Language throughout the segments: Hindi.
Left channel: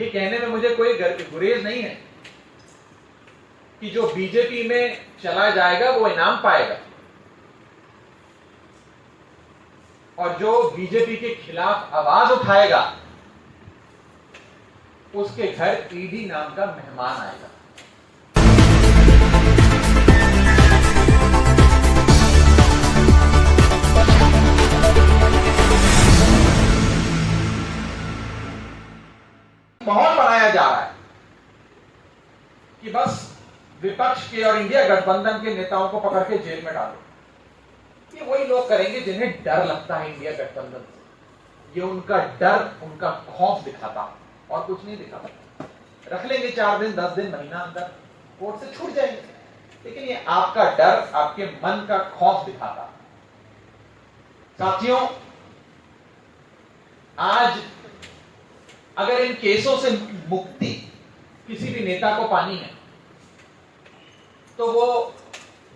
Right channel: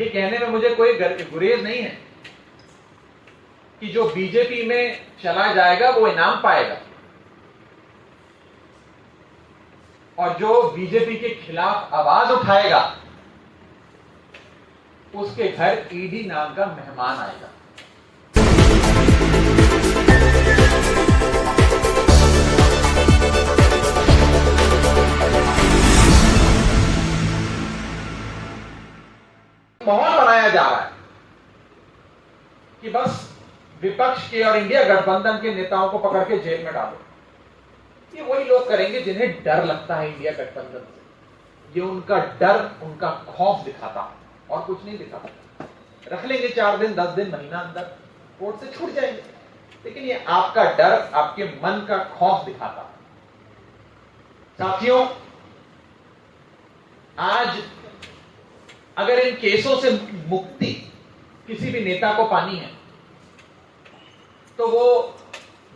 ये कहने में मुझे कोई गुरेज नहीं है कि जो बीजेपी में चला जाएगा वो इनाम पाएगा और जो बीजेपी के खिलाफ आवाज उठाएगा उसके घर ईडी नाम का मेहमान आएगा। माहौल बनाया जा रहा है कि बस विपक्ष के और इंडिया गठबंधन के नेताओं को पकड़ के जेल में डालो। ये वही लोग करेंगे जिन्हें डर लगता है इंडिया गठबंधन से। ये उनका डर, उनका खौफ दिखाता है और कुछ नहीं दिखाता। रख लेंगे 4 दिन, 10 दिन, महीना, अंदर कोर्ट से छूट जाएंगे, लेकिन ये आपका डर, आपके मन का खौफ दिखाता है। साथियों, आज अगर इन केसों से मुक्ति किसी भी नेता को पानी है तो वो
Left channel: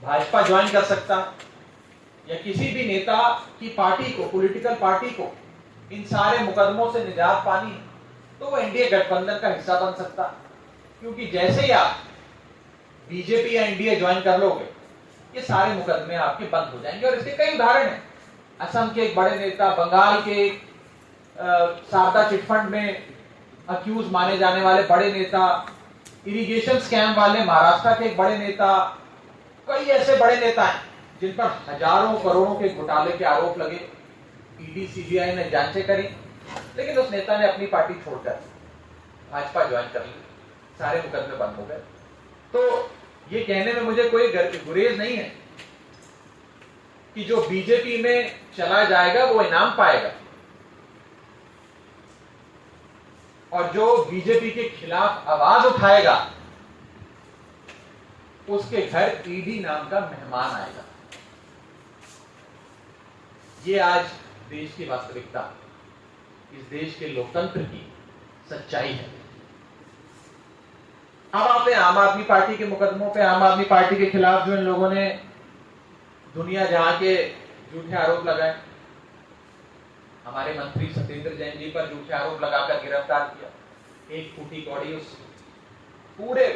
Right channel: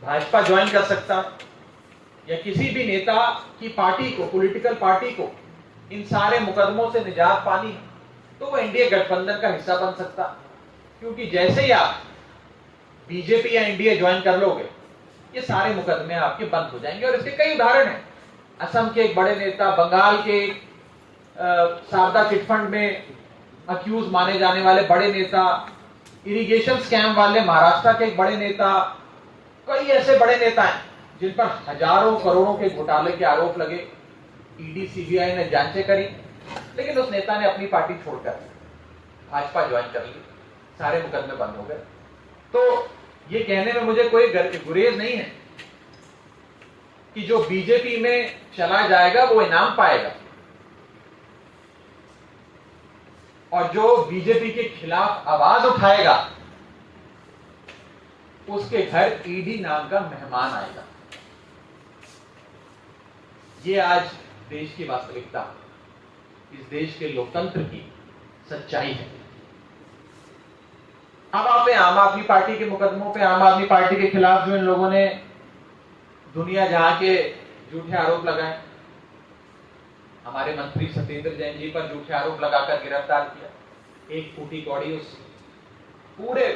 भाजपा ज्वाइन कर सकता है या किसी भी नेता की पार्टी को, पॉलिटिकल पार्टी को इन सारे मुकदमों से निजात पानी है तो वो एनडीए गठबंधन का हिस्सा बन सकता है। क्योंकि जैसे ही आप बीजेपी या एनडीए ज्वाइन कर लोगे ये सारे मुकदमे आपके बंद हो जाएंगे। और इसके कई उदाहरण हैं। असम के एक बड़े नेता, बंगाल के शारदा चिटफंड में अक्यूज माने जाने वाले बड़े नेता, इरिगेशन स्कैम वाले महाराष्ट्र के एक बड़े नेता, कई ऐसे बड़े नेता हैं जिन पर हजारों करोड़ों के घोटाले के आरोप लगे। ईडी, सीबीआई ने जांचें करी, लेकिन उस नेता ने अपनी पार्टी छोड़कर भाजपा ज्वाइन कर ली, सारे मुकदमे बंद हो गए। तो ये कहने में मुझे कोई गुरेज नहीं है कि जो बीजेपी में चला जाएगा वो इनाम पाएगा और जो बीजेपी के खिलाफ आवाज उठाएगा उसके घर ईडी नाम का मेहमान आएगा। ये आज देश की वास्तविकता, इस देश के लोकतंत्र की सच्चाई है। अब आप आम आदमी पार्टी के मुकदमों पे, आम आदमी पार्टी के खिलाफ जो इन लोगों ने दुनिया जहां के झूठे आरोप लगाए, हमारे मंत्री सत्येंद्र जैन जी पर झूठे आरोप लगाकर गिरफ्तार किया, 1 फूटी कौड़ी उस पूरे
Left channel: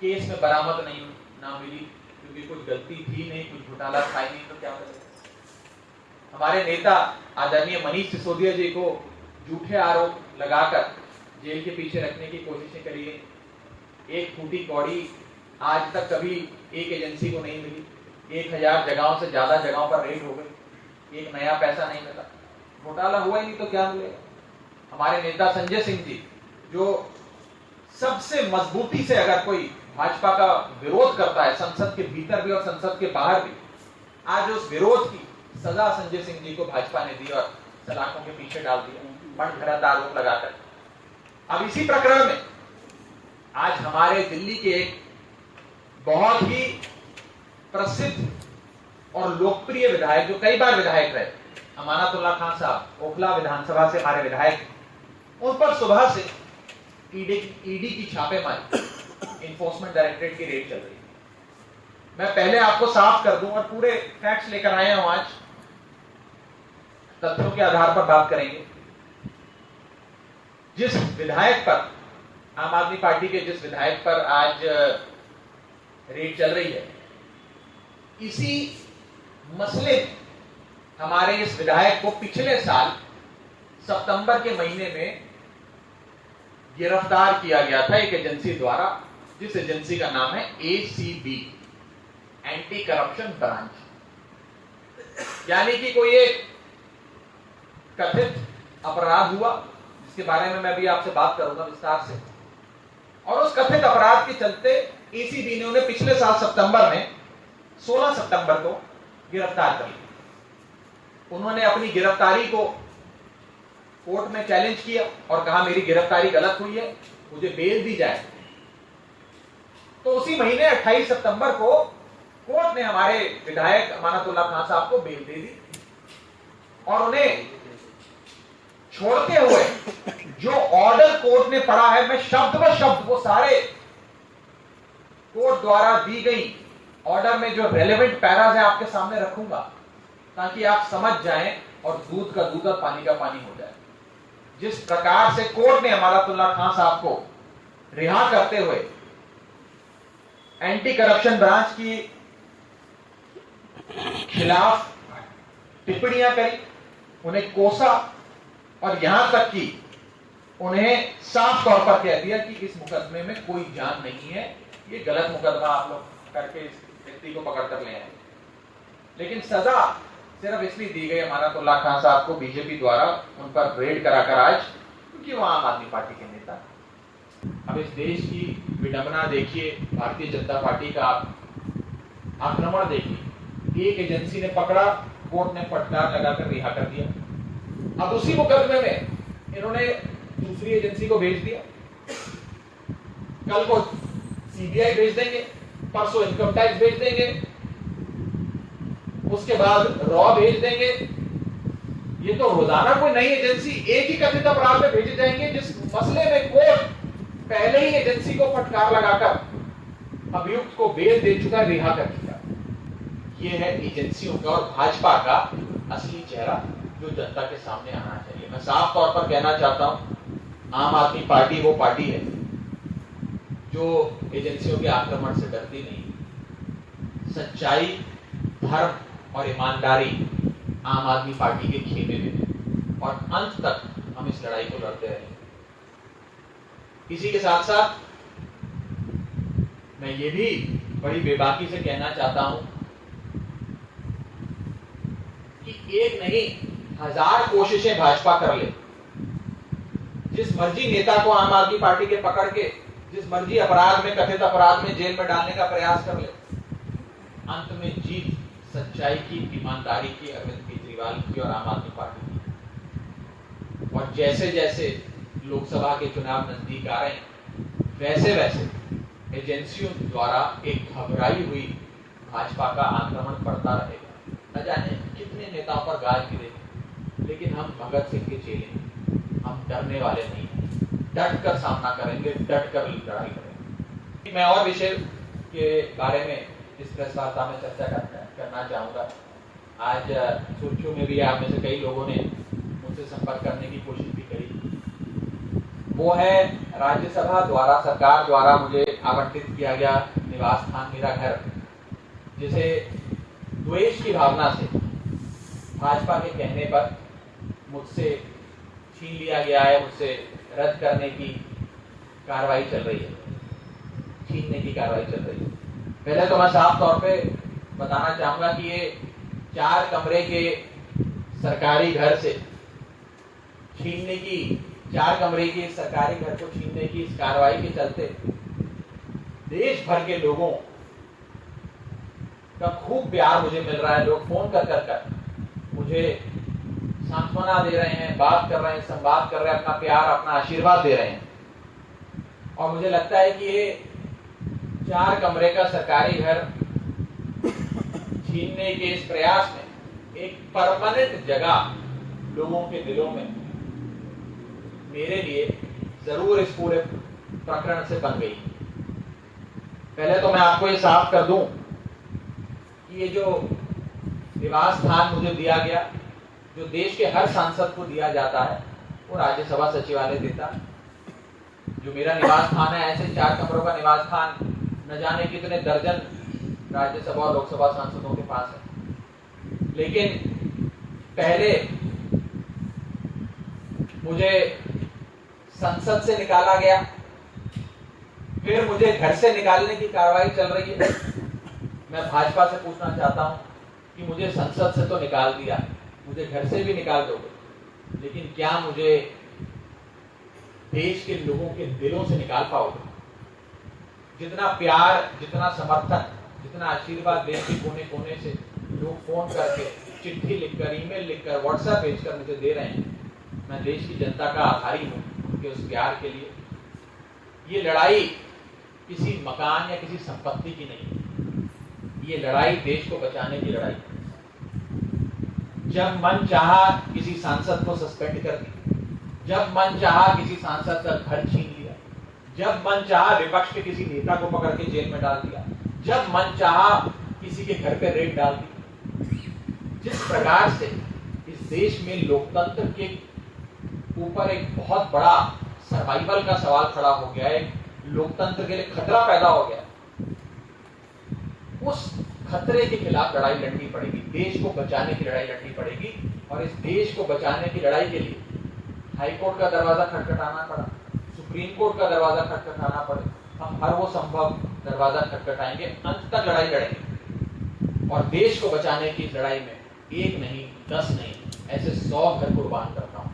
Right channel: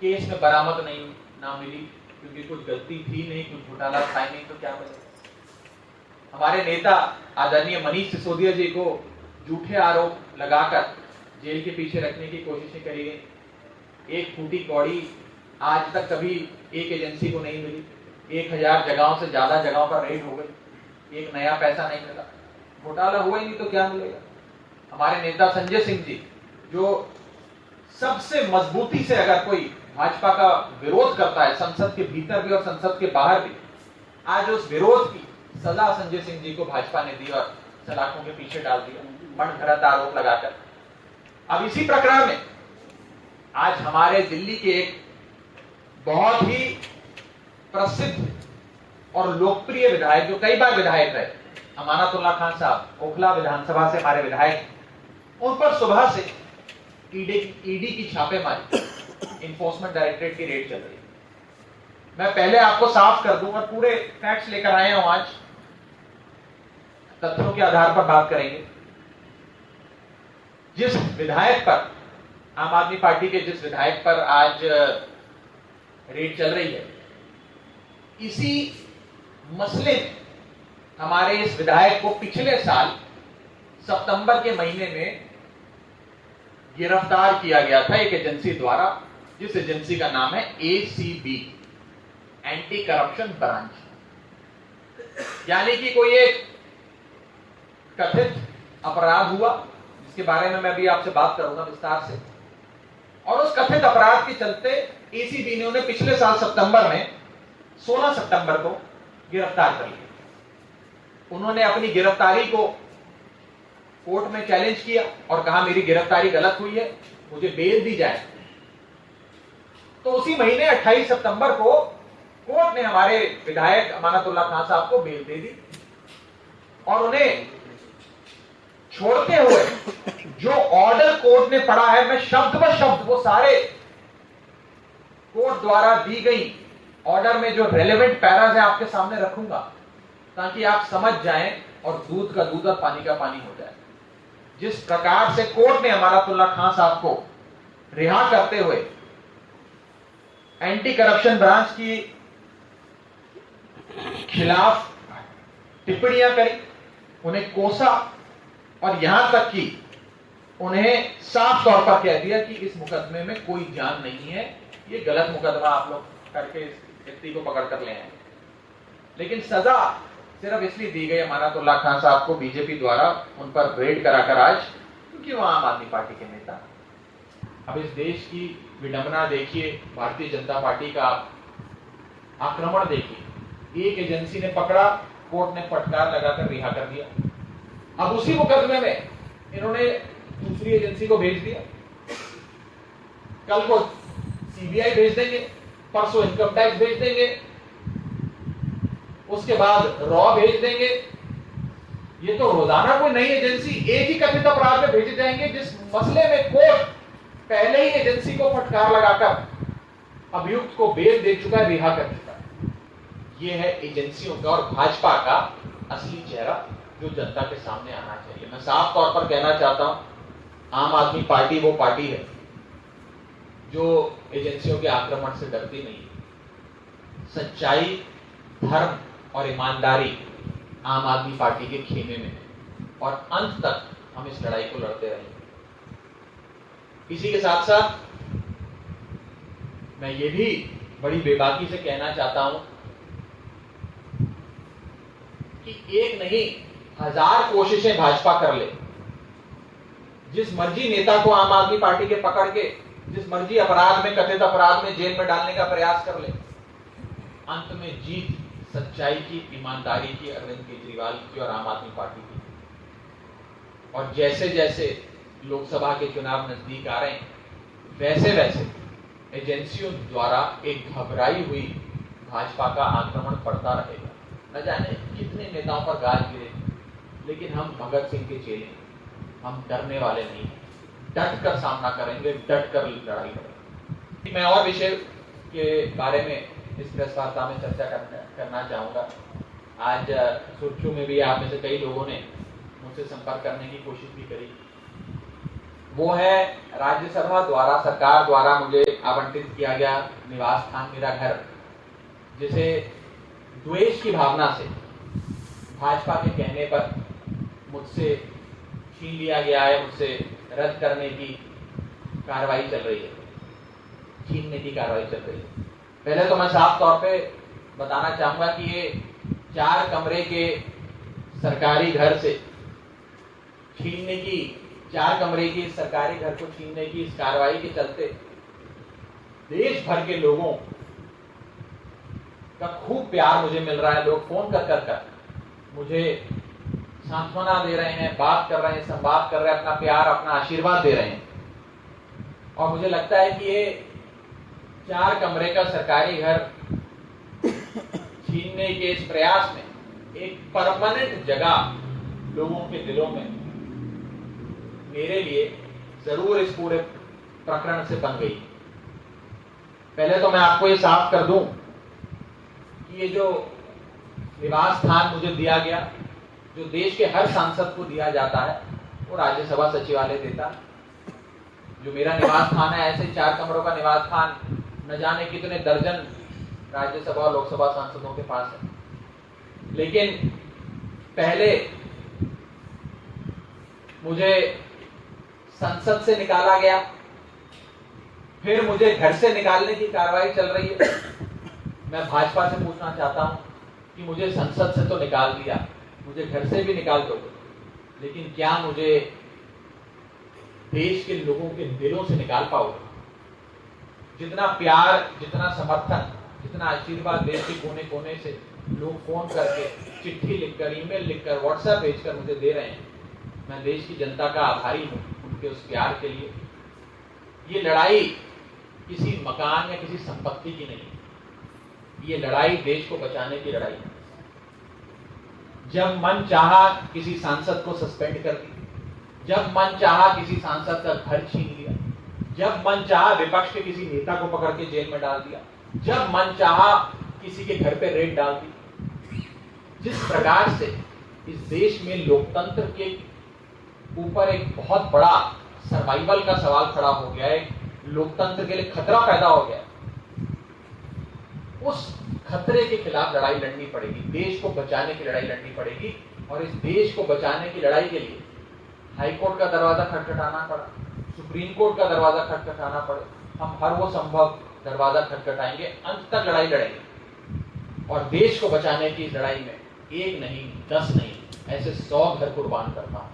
केस में बरामद नहीं ना मिली क्योंकि कुछ गलती थी नहीं, कुछ घोटाला था नहीं, तो क्या करें। हमारे नेता आदरणीय मनीष सिसोदिया जी को झूठे आरोप लगाकर जेल के पीछे रखने की कोशिशें करी गई। 1 फूटी कौड़ी आज तक कभी एक एजेंसी को नहीं मिली। 1000 जगहों से ज्यादा जगहों पर रेड हो गई, एक नया पैसा नहीं मिला। घोटाला हुआ ही नहीं तो क्या मिलेगा। हमारे नेता संजय सिंह जी, जो सबसे मजबूती से अगर कोई भाजपा का विरोध करता है, संसद के भीतर भी और संसद के बाहर भी, आज उस विरोध की सजा संजय सिंह जी को भाजपा ने दी और सलाखों के पीछे डाल दिया, मनगढ़ंत आरोप लगाकर। अब इसी प्रकरण में आज हमारे दिल्ली के एक बहुत ही प्रसिद्ध और लोकप्रिय विधायक, जो कई बार विधायक रहे, अमानतुल्लाह खान साहब, ओखला विधानसभा से हमारे विधायक, उन पर सुबह से ईडी की छापेमारी, इन्फोर्समेंट डायरेक्टरेट की रेड चल रही है। मैं पहले आपको साफ कर दूं और पूरे फैक्ट्स लेकर आए हैं, आज तथ्यों के आधार पर बात करेंगे। जिस विधायक पर, आम आदमी पार्टी के जिस विधायक पर आज रेड चल रही है, इसी मसले में हमारे इस विधायक को पिछले साल सितंबर के महीने में गिरफ्तार किया गया था एक एजेंसी द्वारा, जिस एजेंसी का नाम है एसीबी, एंटी करप्शन ब्रांच। यानी कि कोई एक कथित अपराध हुआ जिसके बारे में मैं भी आपसे बात करूंगा विस्तार से, और उस कथित अपराध के चलते एसीबी ने उन्हें पिछले साल सितंबर में 16 सितंबर को गिरफ्तार कर लिया। उन्होंने अपनी गिरफ्तारी को कोर्ट में चैलेंज किया और कहा मेरी गिरफ्तारी गलत हुई है, मुझे बेल दी जाए। तो उसी महीने 28 सितंबर को कोर्ट ने हमारे विधायक अमानतुल्लाह खान साहब को बेल दे दी और उन्हें छोड़ते हुए जो ऑर्डर कोर्ट ने पढ़ा है, मैं शब्द ब शब्द वो सारे कोर्ट द्वारा दी गई ऑर्डर में जो रेलेवेंट पैराज है आपके सामने रखूंगा ताकि आप समझ जाएं और दूध का दूध और पानी का पानी हो जाए। जिस प्रकार से कोर्ट ने अमानतुल्लाह खान साहब को रिहा करते हुए एंटी करप्शन ब्रांच की खिलाफ टिप्पणियां करी, उन्हें कोसा और यहां तक कि उन्हें साफ तौर पर कह दिया कि इस मुकदमे में कोई जान नहीं है, ये गलत मुकदमा आप लोग करके इस व्यक्ति को पकड़ कर ले आए। लेकिन सजा सिर्फ इसलिए दी गई अमानतुल्लाह खान साहब को बीजेपी द्वारा उन पर रेड कराकर आज, क्योंकि वो आम आदमी पार्टी के नेता। अब इस देश की विडंबना देखिए, भारतीय जनता पार्टी का आक्रमण देखिए। एक एजेंसी ने पकड़ा, कोर्ट ने फटकार लगाकर रिहा कर दिया। अब उसी मुकदमे में इन्होंने दूसरी एजेंसी को भेज दिया, कल को सीबीआई भेज देंगे, परसों इनकम टैक्स भेज देंगे, उसके बाद रॉ भेज देंगे। ये तो रोजाना कोई नई एजेंसी एक ही कथित अपराध में भेजे जाएंगे, जिस मसले में कोर्ट पहले ही एजेंसी को फटकार लगाकर अभियुक्त को बेल दे चुका है, रिहा कर चुका है। ये है एजेंसियों का और भाजपा का असली चेहरा जो जनता के सामने आना चाहिए। मैं साफ तौर पर कहना चाहता हूं, आम आदमी पार्टी वो पार्टी है जो एजेंसियों के आक्रमण से डरती नहीं। सच्चाई, धर्म और ईमानदारी आम आदमी पार्टी के खेमे में है और अंत तक हम इस लड़ाई को लड़ते रहेंगे। इसी के साथ साथ मैं ये भी बड़ी बेबाकी से कहना चाहता हूं कि एक नहीं 1000 कोशिशें भाजपा कर ले, जिस मर्जी नेता को आम आदमी पार्टी के पकड़ के जिस मर्जी अपराध में, कथित अपराध में जेल में डालने का प्रयास कर ले, अंत में जीत सच्चाई की, ईमानदारी की, अरविंद केजरीवाल की और आम आदमी पार्टी की। और जैसे जैसे लोकसभा के चुनाव नजदीक आ रहे हैं, वैसे वैसे एजेंसियों द्वारा एक घबराई हुई भाजपा का आक्रमण बढ़ता रहेगा। न जाने कितने नेताओं पर गाज गिरे, लेकिन हम भगत सिंह के चेले हैं, हम डरने वाले नहीं हैं, डट कर सामना करेंगे, डट कर लड़ाई करेंगे। मैं और विषय के बारे में इस प्रेस वार्ता में चर्चा करना चाहूंगा। आज सुर्खियों में भी आप में से कई लोगों ने मुझसे संपर्क करने की कोशिश भी करी। वो है राज्यसभा द्वारा, सरकार द्वारा मुझे आवंटित किया गया निवास स्थान, मेरा घर, जिसे द्वेष की भावना से भाजपा के कहने पर मुझसे छीन लिया गया है, मुझसे रद्द करने की कार्रवाई चल रही है, छीनने की कार्रवाई चल रही है। पहले तो मैं साफ तौर पे बताना चाहूंगा कि ये 4 कमरे के सरकारी घर से छीनने की, 4 कमरे की सरकारी घर को छीनने की इस कार्रवाई के चलते देश भर के लोगों का खूब प्यार मुझे मिल रहा है। लोग फोन कर मुझे सांत्वना दे रहे हैं, बात कर रहे हैं, संवाद कर रहे हैं, अपना प्यार, अपना आशीर्वाद दे रहे हैं। और मुझे लगता है कि ये 4 कमरे का सरकारी घर छीनने के इस प्रयास में एक परमानेंट जगह लोगों के दिलों में मेरे लिए जरूर इस पूरे प्रकरण से बन गई। पहले तो मैं आपको ये साफ कर दूं कि ये जो निवास स्थान मुझे दिया गया, जो देश के हर सांसद को दिया जाता है, वो राज्यसभा सचिवालय देता है। जो मेरा निवास स्थान है, ऐसे 4 कमरों का निवास स्थान न जाने कितने दर्जन राज्यसभा और लोकसभा सांसदों के पास है। लेकिन पहले मुझे संसद से निकाला गया, फिर मुझे घर से निकालने की कार्रवाई चल रही है। मैं भाजपा से पूछना चाहता हूं कि मुझे संसद से तो निकाल दिया, मुझे घर से भी निकाल दोगे, लेकिन क्या मुझे देश के लोगों के दिलों से निकाल पाओगे? जितना प्यार, जितना समर्थन, जितना आशीर्वाद देश के कोने कोने से लोग फोन करके, चिट्ठी लिखकर, ईमेल लिखकर, व्हाट्सएप भेजकर मुझे दे रहे हैं, मैं देश की जनता का आभारी हूं उनके उस प्यार के लिए। ये लड़ाई किसी मकान या किसी संपत्ति की नहीं, ये लड़ाई देश को बचाने की लड़ाई। जब मन चाहा किसी सांसद को सस्पेंड कर दिया, जब मन चाहा किसी सांसद का घर छीन लिया, जब मन चाहा विपक्ष के किसी नेता को पकड़ के जेल में डाल दिया, जब मन चाहा किसी के घर पे रेड डाल दी। जिस प्रकार से इस देश में लोकतंत्र के ऊपर एक बहुत बड़ा सर्वाइवल का सवाल खड़ा हो गया है, लोकतंत्र के लिए खतरा पैदा हो गया। उस खतरे के खिलाफ लड़ाई लड़नी पड़ेगी, देश को बचाने की लड़ाई लड़नी पड़ेगी। और इस देश को बचाने की लड़ाई के लिए हाईकोर्ट का दरवाजा खटखटाना पड़ा, सुप्रीम कोर्ट का दरवाजा खटखटाना पड़े, हम हर वो संभव दरवाजा खटखटाएंगे, अंत तक लड़ाई लड़ेंगे। और देश को बचाने की इस लड़ाई में 1 नहीं 10 नहीं, ऐसे 100 घर कुर्बान करता हूं,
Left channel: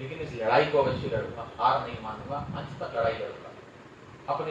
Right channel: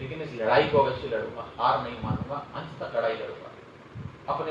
लेकिन इस लड़ाई को अवश्य लड़ूंगा, हार नहीं मानूंगा, अंत तक लड़ाई लड़ूंगा अपने